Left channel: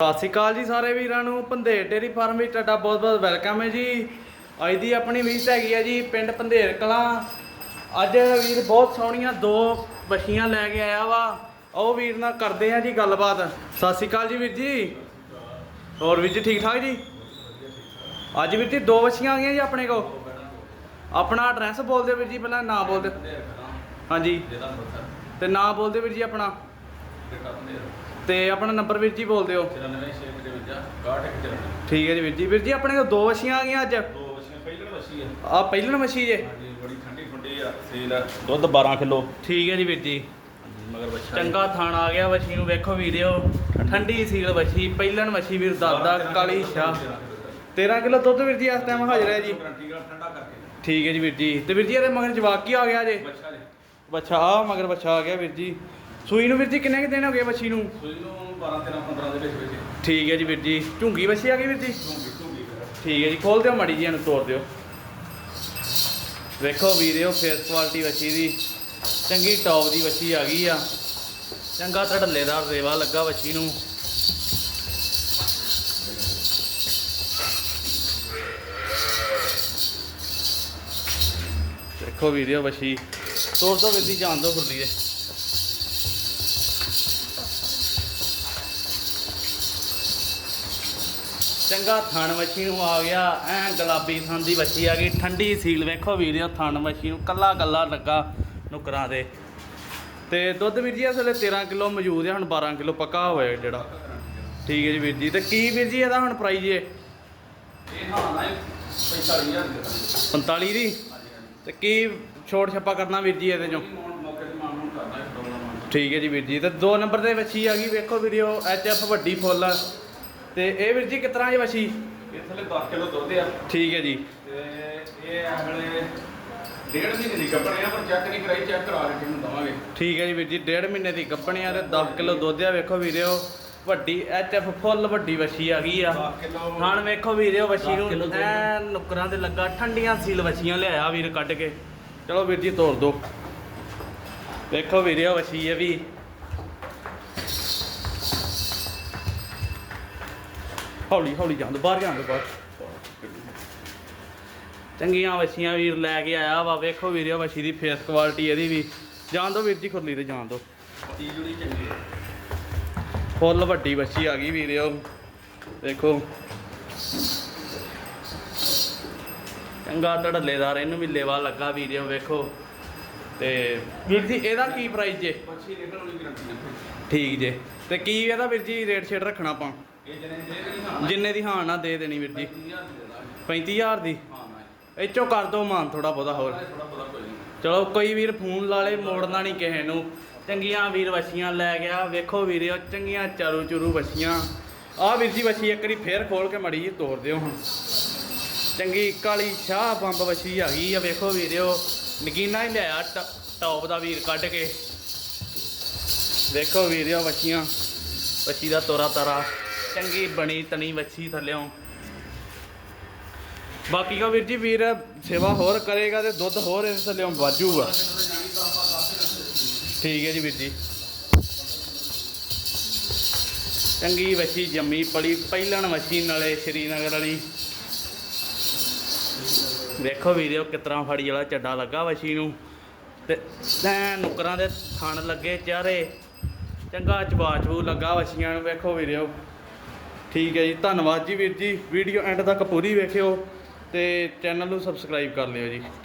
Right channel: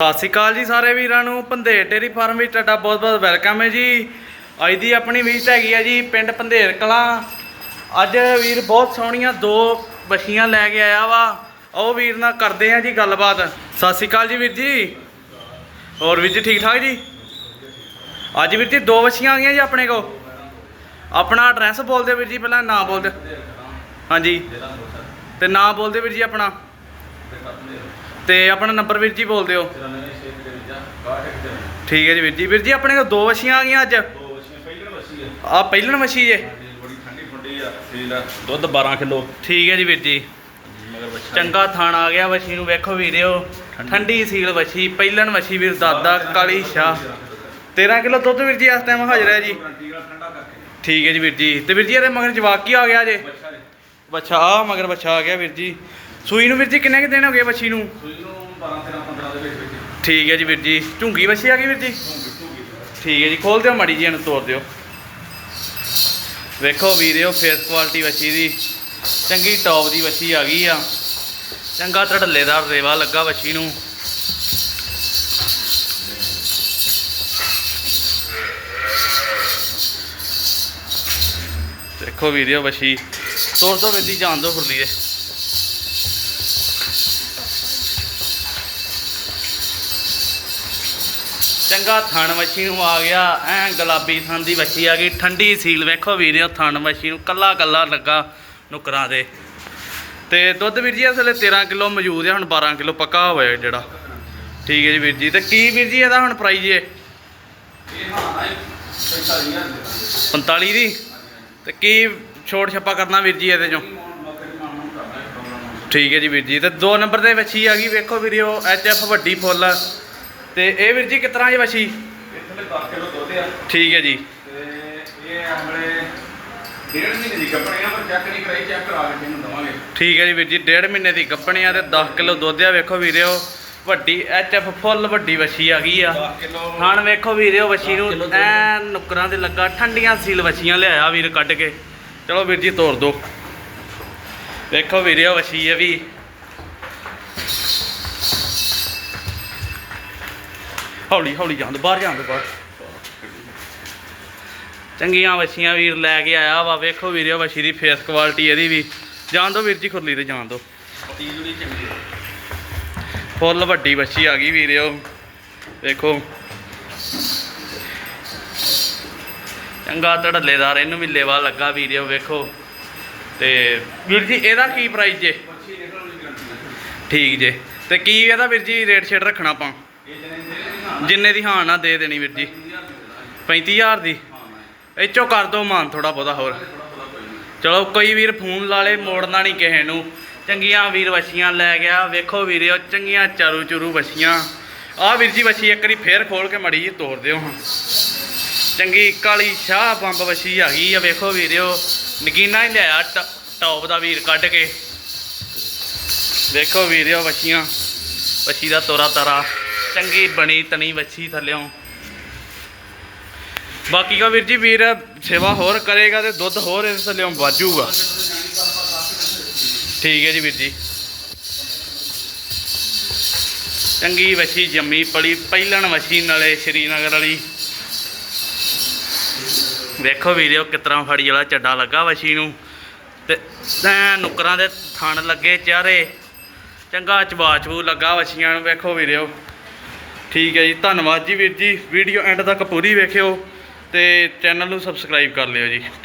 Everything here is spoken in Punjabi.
ਸਤਿ ਸ਼੍ਰੀ ਅਕਾਲ ਜੀ ਸਾਰੇ ਵੀਰਾਂ ਨੂੰ। ਪੰਧੇਰ ਡੇਰੀ ਫਾਰਮ ਵਿੱਚ ਤੁਹਾਡਾ ਬਹੁਤ-ਬਹੁਤ ਵੈਲਕਮ ਹੈ ਜੀ। ਅੱਜ ਦੀ ਆਪਣੀ ਵਿਜ਼ਿਟ ਹੈਗੀ ਆ ਜੀ ਪਿੰਡ ਪੰਧੇਰ ਕਲਾਂ। ਅੱਜ ਵੀਰ ਬਹੁਤ ਸੋਹਣੀਆਂ ਦੋ ਬੱਛੀਆਂ ਲੈ ਕੇ ਆਇਆ ਵਾ। ਉਹ ਵੀਰ ਨਾਲ ਕਰਦੇ ਆ ਜੀ ਗੱਲਬਾਤ। ਸਤਿ ਸ਼੍ਰੀ ਅਕਾਲ ਜੀ ਵੀਰ ਜੀ। ਹੋਰ ਵੀਰ ਜੀ ਠੀਕ ਠਾਕ ਜੀ? ਅੱਜ ਵੀਰ ਜੀ ਦੋ ਬੱਛੀਆਂ ਆ ਗਈਆਂ ਜੀ ਆਪਣੇ ਕੋ ਆਪਣਾ ਐਡਰੈਸ ਬੋਲ ਦਿਓ ਵੀਰ ਜੀ, ਪਹਿਲਾਂ ਨਾਂ ਬੋਲ ਦਿਓ। ਹਾਂਜੀ। ਤੇ ਨਾਂ ਬੋਲ ਦਿਓ ਵੀਰ ਜੀ ਆਪਣਾ। ਤੇ ਆਪਣਾ ਨੰਬਰ ਵੀਰ ਜੀ ਬੋਲ ਦਿਓ। ਠੀਕ ਹੈ ਜੀ ਵੀਰ ਜੀ। ਵੀਰ ਜੀ ਆਪਣੇ ਕੋਲ ਦੋ ਵਛੀਆਂ ਆ ਗਈਆਂ ਅੱਜ। ਆ ਪਹਿਲਣ ਵਛੀ ਜੇ। ਦੁੱਧ 12 ਕਿਲੋ। ਠੀਕ ਹੈ ਜੀ ਵੀਰ ਜੀ। ਚੰਗਾ ਥਾਣ ਆ ਗਿਆ ਵਛੀ ਨੂੰ ਵੇਖੋ ਵੀਰਿਓ ਠੰਡੀ ਸੀਲ ਵਛੀ ਪਹਿਲਣ ਵਛੀ ਵੀਰ ਦਾਦਾ ਕਾਲੀ ਸ਼ਾਹ। 13 ਕਿਲੋ ਦੁੱਧ ਵੀਰ ਜੀ ਇਸ ਟਾਈਮ ਹਾਜ਼ਰ ਹੈ ਜੀ। ਠੀਕ ਹੈ ਜੀ ਵੀਰ ਜੀ। ਤੇ ਵੀਰ ਜੀ ਇਹਦੇ ਮਗਰ ਜਵਾਕ ਕੀ ਆ ਗਿਆ ਜੇ? ਬੱਚਾ ਆ ਮਗਰ ਬੱਚਾ ਆ ਗਿਆ ਵੀਰ ਜੀ। ਸੂਈ ਨੂੰ ਵੀਰ ਜੀ ਕਿੰਨੇ ਕਿ ਦਿਨ ਹੋ ਗਏ ਵਛੀ ਨੂੰ? ਠੀਕ ਹੈ ਜੀ ਵੀਰ ਜੀ। ਝੁੰਗੀ ਵਛੀ ਆ ਗਈ ਵੀਰ ਜੀ? ਠੀਕ ਹੈ ਜੀ ਖੋਲ ਦਿਓ ਮੜੀ ਜੀ ਇਹਨੂੰ ਤੋੜ ਦਿਓ। ਵੇਖੋ ਵੀਰਿਓ ਫੇਸ ਕੁਆਲਿਟੀ ਵਛੀ ਦੀ। ਚੰਗੀ ਟੌਪ ਦੀ ਵਛੀ ਆ ਗਈ ਆ। ਚੰਗਾ ਧੜੱਲੇਦਾਰ ਰੇਵਾ ਲੱਗਾ ਵਛੀ ਨੂੰ। ਦੇਖੋ ਵੀਰਿਓ ਵਛੀ ਤੋੜ ਦੋ ਜੀ ਜਾਣ ਦੋ ਫੁਰਲੀ ਦੇ। ਚੰਗਾ ਥਣ ਵੱਛੀ ਨੂੰ ਆ ਗਿਆ ਐ ਗੁਲਾਬੀ ਥਣ ਦੀ ਵੱਛੀ ਆ ਗਈ। ਠੰਡੀ ਸੀਲ ਵੇਖੋ ਵੀਰਿਓ ਥਣ ਵੱਛੀ ਨੂੰ ਕੱਲਾ ਕੱਲਾ ਲੱਗਾ ਨੁਕਰਾਂ ਦੇ ਤੇ ਦੁੱਧ ਵੀਰ ਜੀ ਇਸ ਵੇਲੇ 13 ਕਿਲੋ ਮੌਜੂਦ ਹੈ ਹੁਣ 12 ਕਿਲੋ ਪੱਕਾ ਹੋਇਆ ਜਿਹੜਾ। ਠੀਕ ਹੈ ਜੀ ਵੀਰ ਜੀ ਤੇ ਕੀ ਵੀਰ ਜੀ ਇਹਦਾ ਹੁਣ ਪ੍ਰਾਈਜ਼ ਹੈ 45 ਦੀ? ਤੇ ਕੀ ਛੋਟ ਛੱਪਾ ਕਰਨਾ ਵੀਰ ਜੀ ਇਹਦੇ ਚੋਂ? ਠੀਕ ਹੈ ਜੀ ਵੀਰ ਜੀ ਤੇ ਦੋ ਨੰਬਰ ਤੇ ਵੱਛੀ ਆ ਗਈ ਵੇਖੋ ਵੀਰਿਓ ਐਚ ਐਫ ਵੱਡੀ ਫੁੱਲ ਆ। ਤੇ ਇਹ ਵੀਰ ਜੀ ਕਿਤਨਾ ਜੀ ਵੱਛੀ? ਇਥਲੇ 10 ਕਿਲੋ ਦੁੱਧ ਆ। ਠੀਕ ਹੈ ਜੀ। ਤੇ ਇਹ ਆਪਣੇ ਡੇਢ ਮਹੀਨੇ ਦੀ ਆ ਪਰ ਚੈੱਕ ਨਹੀਂ ਕਰਾਈ ਚੈੱਕ ਕਰਾ ਕੇ ਇਹਨੂੰ ਦਵਾਂਗੇ। ਠੀਕ ਹੈ ਜੀ ਵੀਰ ਜੀ ਡੇਢ ਮਹੀਨੇ ਦੀ ਗੱਪਣੀਆਂ ਤੇ 10 ਕਿਲੋ ਦੁੱਧ ਆ ਵੇਖੋ ਵੀਰਿਓ। ਵੱਡੀ ਐਚ ਐਫ ਫੁੱਲ ਵੱਡੀ ਵੱਛੀ ਆ ਗਈ ਆ। 10 ਕਿਲੋ ਹਣ ਵੇਖੋ ਵੀਰਿਓ ਵੱਛੀ ਨੂੰ ਐ ਨੁਕਰਾਂ ਦੇ ਲੱਗਾ ਠੰਡੀਆਂ ਸੀਲ ਵੱਛੀਆਂ ਲਿਆਇਆ ਵੀਰ ਕੱਢ ਕੇ। ਚਲੋ ਵੀਰ ਜੀ ਤੋੜ ਦੋ। ਵੇਖੋ ਵੀਰਿਓ ਵੱਛੀ ਇਹ ਵੀ। ਹੌਲੀ ਹੌਲੀ ਜਾਂਦ ਬਾਹਰ ਜਾਂਦ ਬਾਹਰ। ਚੰਗੀਆਂ ਵੱਛੀਆਂ ਵੀਰ ਲੈ ਕੇ ਆਇਆ ਵਾ ਵੇਖੋ ਵੀਰਿਓ ਵੱਛੀ ਦੀ ਫੇਸ ਕੁਆਲਿਟੀ ਇਹਦੀ ਵੀ। ਜਾਣ ਦੋ ਵੀਰ ਜੀ ਖੁਰਲੀ ਤੇ ਜਾਣ ਦੋ। ਤੀਜੜੀ ਚੰਗੀ ਫੁੱਲ ਵੱਡੀ ਵੱਛੀ ਆ ਗਈ ਵੀਰਿਓ ਵੇਖੋ ਚੰਗਾ ਧੜੱਲੇਦਾਰ, ਇਹਨੂੰ ਵੀ ਲੱਗਾ ਵੀਰਿਓ ਵੇਖੋ। ਤੇ ਵੀਰ ਜੀ, ਇਹਦਾ ਕੀ ਪ੍ਰਾਈਸ ਜੇ? ਠੀਕ ਜੇ। ਤੇ ਕੀ ਇਹਦਾ ਵੀਰ ਜੀ ਰੇਟ ਸ਼ੇਟ ਰੱਖਣਾ ਆਪਾਂ? ਜਿੰਨੇ ਦੀ ਹਾਂ ਨਾ ਦੇ ਦੇਣੀ ਵੀਰ ਜੀ। 30000 35000 ਦੀ? ਇਹ ਚੋ ਕਰ ਦੋ ਮਾਨ ਥੋੜਾ ਬਹੁਤਾ ਹੋਰ। ਚਲੋ, ਕੋਈ ਵੀਰ ਫੋਨ ਲਾ ਲੇ, ਮੋੜਨਾ ਨਹੀਂ ਕਿਸੇ ਨੂੰ। ਚੰਗੀਆਂ ਵੀਰ ਵਛੀਆਂ ਲੈ ਗਿਆ। ਵੇਖੋ ਵੀਰਿਓ, ਚੰਗੀਆਂ ਚਾਰੂ ਚੁਰੂ ਵਛੀਆਂ। ਆਹ ਵੀਰ ਜੀ ਵਛੀ ਇੱਕ ਵਾਰੀ ਫੇਰ ਖੋਲ ਕੇ ਮੜੀ ਜੀ ਤੋੜ ਦਿਓ ਹੁਣ ਚੰਗੀ ਕਾਲੀ ਸ਼ਾਹ ਬੰਬ ਵਛੀ ਆ ਗਈ ਆ, ਵੇਖੋ ਵੀਰਿਓ। ਨਗੀਨਾ ਹੀ ਲਿਆ ਟੌਪ ਦਾ ਵੀਰ ਕੱਢ ਕੇ। ਵੇਖੋ ਵੀਰਿਓ ਵਛੀਆਂ। ਵਛੀ ਦਾ ਤੋਰਾ ਤਾਰਾ। ਚੰਗੀ ਬਣੀ ਤਣੀ ਵਛੀ ਥੱਲਿਓਂ। ਬਾਕੀ ਕਾ ਵੀਰ ਜੀ, ਵੀਰ ਸੇਵਾ ਹੋਰ ਕਰੇਗਾ ਤੇ ਦੁੱਧ ਹੋਰ ਇਸ ਥੱਲਿਓਂ ਵਾਜੂਗਾ। ਠੀਕ ਹੈ ਜੀ ਵੀਰ ਜੀ। ਚੰਗੀ ਵਛੀ ਜੰਮੀ ਪਲੀ ਪਹਿਲਣ ਵਛੀ ਨਾਲੇ ਸ਼੍ਰੀਨਗਰ ਵਾਲੀ। ਵੇਖੋ ਵੀਡੀਓ ਕਿਤਰਾ ਫੜੀ ਵਾਲਾ ਚੱਡਾ ਲੱਗਾ ਵਛੀ ਨੂੰ। ਤੇ ਐ ਨੁਕਰਾਂ ਦੇ ਥਣ ਲੱਗੇ ਚਾਰੇ ਚੰਗਾ ਚਬਾਚਬੂ ਲੱਗਾ ਵਛੀਆਂ ਨੂੰ, ਵੇਖੋ ਵੀਡੀਓ ਠੀਕ ਹੈ ਜੀ, ਧੰਨਵਾਦ ਜੀ ਵੀਰ ਜੀ। ਵੀਡੀਓ ਐਂਡ ਤੱਕ ਪੂਰੀ ਵੇਖਿਓ ਤੇ ਚੈਨਲ ਨੂੰ ਸਬਸਕ੍ਰਾਈਬ ਕਰ ਲਿਓ ਜੀ।